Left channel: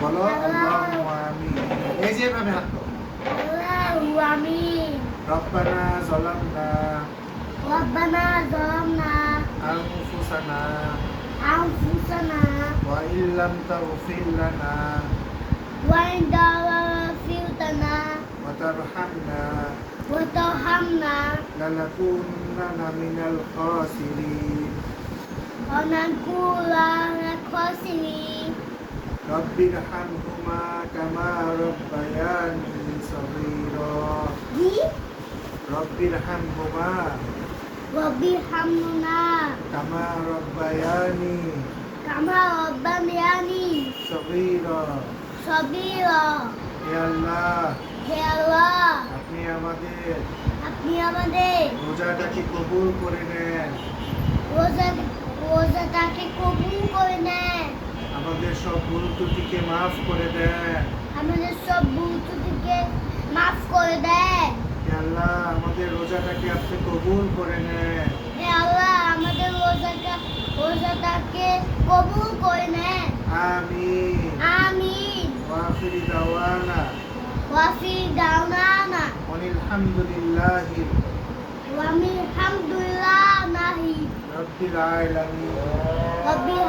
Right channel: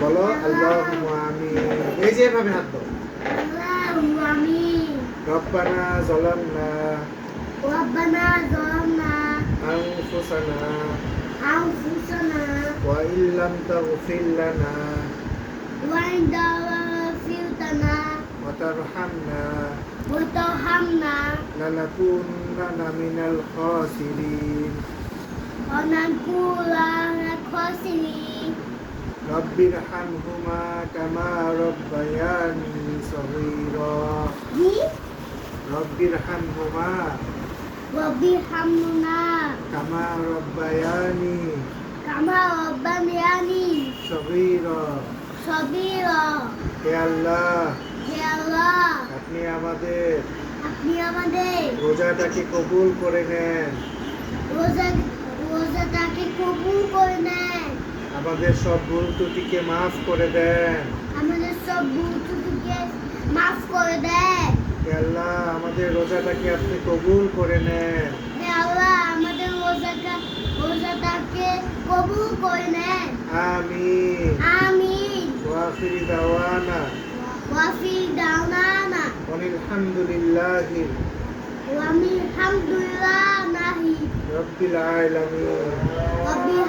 বলো আল্লাহুম্মা আমিন। এই যে এভাবে হাত দাও। আল্লাহু আমিন। রব্বানা যালামনা রব্বানা যালামনা আনফুসানা আনফুসানা ওয়া ইল্লাম তাগফির লানা ওয়া ইন তাগফিরতানা ওয়া তারহামনা ওয়া তারহামনা লানাকুনান্না মিনাল খাসিরিন। ওয়া নাকুনা মিনাল খাসিরিন। রব্বিরহামহুমা কামা রাব্বায়ানি সগীরা। জি রব্বিরহামহুমা রব্বিরহামহুমা কামা রাব্বায়ানি কামা রাব্বায়ানি সগীরা। সগীরা। হে আল্লাহ, হে আল্লাহ, আপনি আমাদের রোজাটাকে কবুল করে নেন, রোজাটাকে কবুল করে নেন, আমাদের সব ভুল ত্রুটিকে মাফ করে দেন। আমাদের সব ভুল ত্রুটিকে মাফ করে দেন। হে আল্লাহ, আমাদের রোজাটাকে আপনি কবুল করে নেন। হে আল্লাহ, আমাদের রোজাটাকে কবুল করে নেন। আমিন। আমিন। ওয়া আখিরি দাওয়ানা ওয়াফি দাওনানা আলহামদুলিল্লাহি ওয়ামিল হামদুলিল্লাহি রাব্বিল আলামিন। রব্বিল